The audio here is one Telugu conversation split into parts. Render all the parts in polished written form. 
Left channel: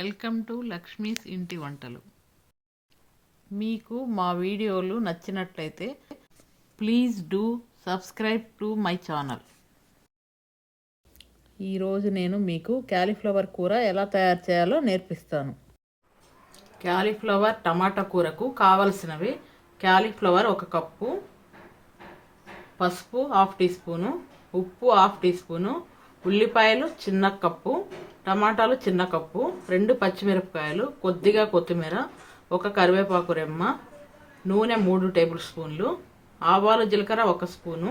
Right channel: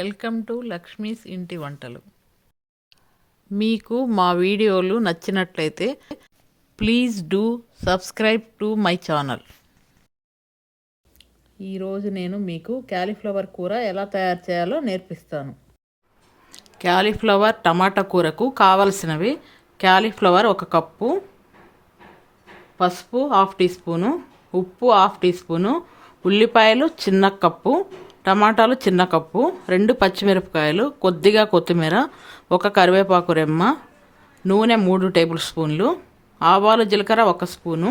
వెల్కమ్ టు లక్ష్మీస్ ఇంటి వంటలు. మీకు మా వీడియోలు నచ్చినట్లయితే please do subscribe to my channel. ఈరోజు నేను మీకు క్యాలీఫ్లవర్ కూర ఎలా తయారు చేయాలో నేర్పిస్తాను. క్యాలీఫ్లవర్ టమాటా కూరకు కావలసినవి: క్యాలీఫ్లవర్ 1 కప్పు, పసుపు 1/2 టీ స్పూను, ఉప్పు 1/2 టీ స్పూను, ఉల్లిపాయలు చిన్న కప్పు, టమాటాలు చిన్న కప్పు, 2 పచ్చిమిరపకాయలు, కొద్దిగా కొత్తిమీర, 1 కరివేపాకు రెమ్మ, నూనె 3 టేబుల్ స్పూన్లు, ఆవాలు జీలకర్ర 1 స్పూను,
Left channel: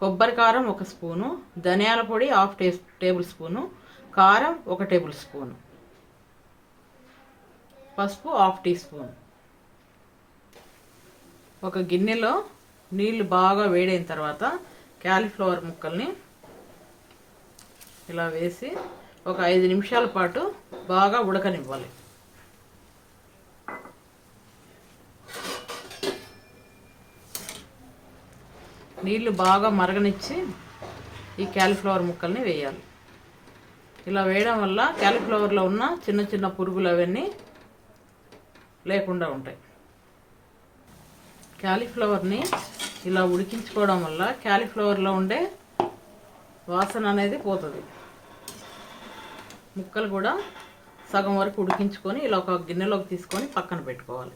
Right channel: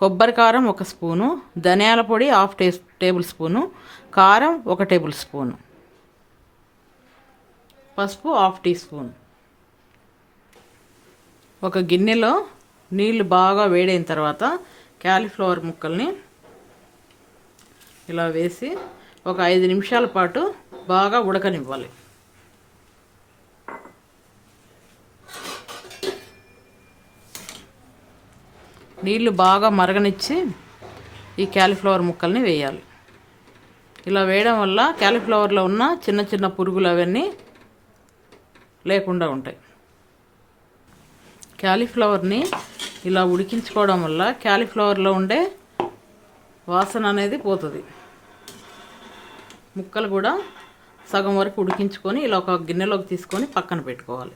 కొబ్బరి కారం 1 స్పూను, ధనియాల పొడి 1/2 టేబుల్ స్పూను, కారం 1 టేబుల్ స్పూను, పసుపు 1/2 టీ స్పూన్. ఒక గిన్నెలో నీళ్లు బాగా వేడైన తర్వాత క్యాలీఫ్లవర్ ముక్కల్ని ఇలా వేసి ఒక 5 నిమిషాల పాటు బాగా ఉడకనివ్వాలి. నీళ్లు బాగా మరగనిచ్చి ఈ క్యాలీఫ్లవర్ ముక్కల్ని వేయాలి. ఇలా వేయడం వల్ల క్యాలీఫ్లవర్లో ఉన్న చిన్న చిన్న పురుగులు అవన్నీ లేకుండా ఉంటాయి. క్యాలీఫ్లవర్ని ఇలా ఉడికించుకోవడం వల్ల క్యాలీఫ్లవర్లో ఉండే వాసన అనేది పోతుంది. ముక్కలు కూడా సగం వరకు ఉడికించుకొని ఇలా ఒక గిన్నెలోకి తీసుకొని పక్కన పెట్టుకోవాలి.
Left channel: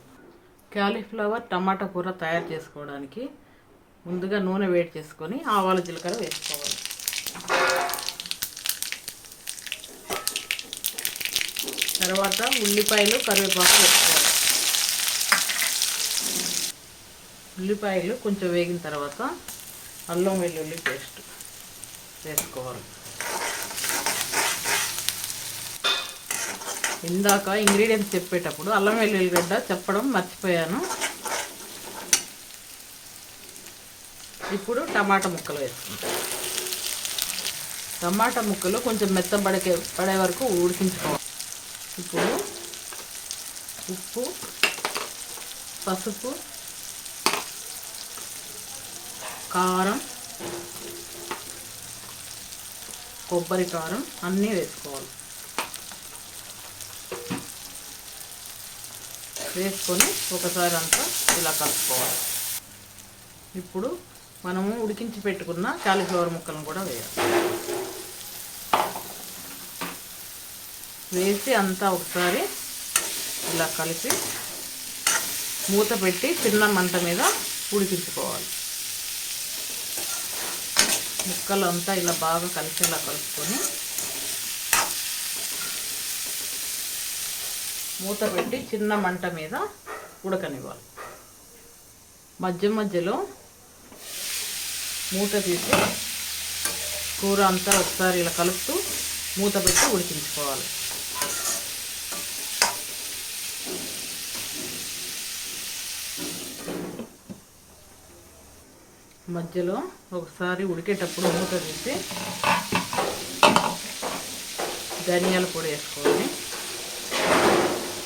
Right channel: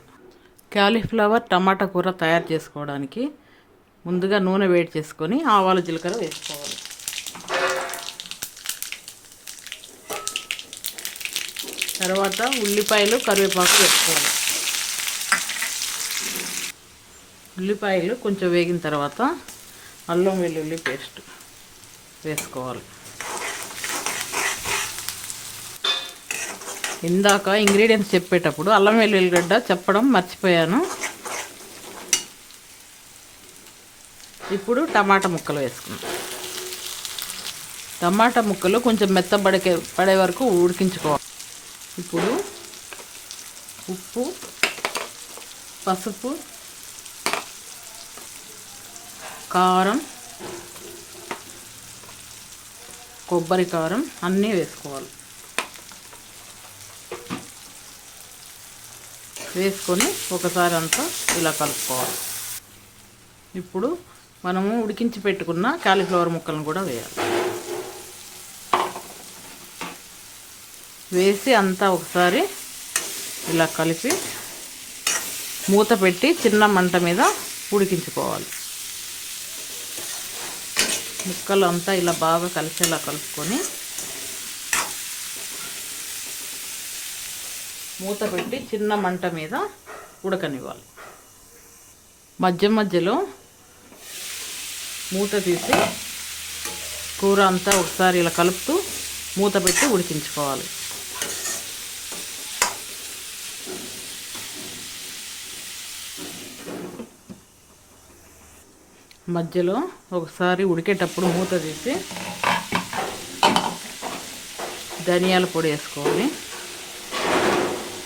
క్యాలీఫ్లవర్ టమాటా కూర తయారు చేసుకోవడానికి ముందుగా నూనె వేడి చేసుకొని ఆవాలు జీలకర్ర వేసుకోవాలి. తర్వాత ఉల్లిపాయలు కరివేపాకు వేసుకోవాలి. ఉల్లిపాయలు కొంచెం వేగిన తర్వాత అల్లం వెల్లుల్లి పేస్ట్ వేసుకోవాలి. ఇందాక ఇంగ్రీడియంట్స్ చెప్పేటప్పుడు అల్లం వెల్లుల్లిగడ్డ చెప్పడం మర్చిపోయాను. ఇప్పుడు టమాటా ముక్కలు వేసుకుంటాం. టమాటా ముక్కలు కొంచెం పడే వరకు ఉడికించుకోవాలి. ఇప్పుడు ఉప్పు, పసుపు, కారం, కొబ్బరి కారం అన్నీ వేసుకోవాలి. వేసుకొని ఒకసారి అంతా ఇలా కలుపుకోవాలి. ఇప్పుడు మనము ఉడికించి పెట్టుకున్న కాలీఫ్లవర్ ముక్కలను కూడా వేయాలి. వేసి అంతా ఒకసారి ఇలా కలిపి మూత పెట్టి చిన్న మంట మీద ఉడికించుకోవాలి. ముక్కలు అంతా ఇలా బాగా కలిసేలా కలుపుకొని మూత పెట్టి చిన్న మంట మీద ఉడకనివ్వాలి. మధ్య మధ్యలో మూత తీసి కూర అంతా ఒకసారి ఇలా కలుపుతూ మూత పెట్టి ఉడికించుకోవాలి. మధ్యలో ఒకసారి ఉడికేటప్పుడు మూత తీసి ధనియాల పొడి వేసుకోవాలి.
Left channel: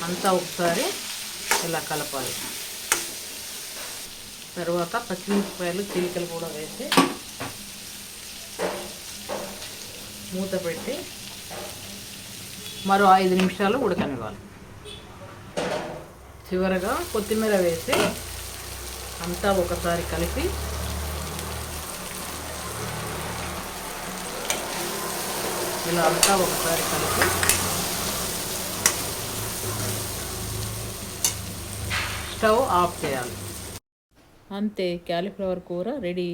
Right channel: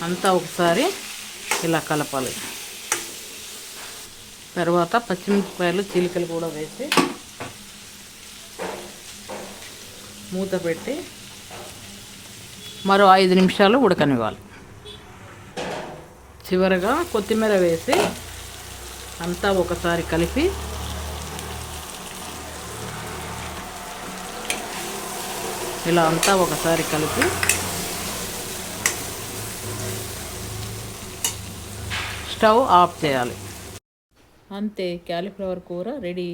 అంతా ఒకసారి ఇలా కలపాలి. తర్వాత పచ్చిమిరపకాయలు చీలికలు కూడా వేసి మూత పెట్టి మరో 5 నిమిషాలు ఉడకనివ్వాలి. చివరగా కొత్తిమీర వేసి అంతా ఒకసారి కలిపి ఇలా అంతా ఒకసారి కలిపి స్టవ్ ఆఫ్ చేయాలి. అంతే, క్యాలీఫ్లవర్ కూర రెడీ.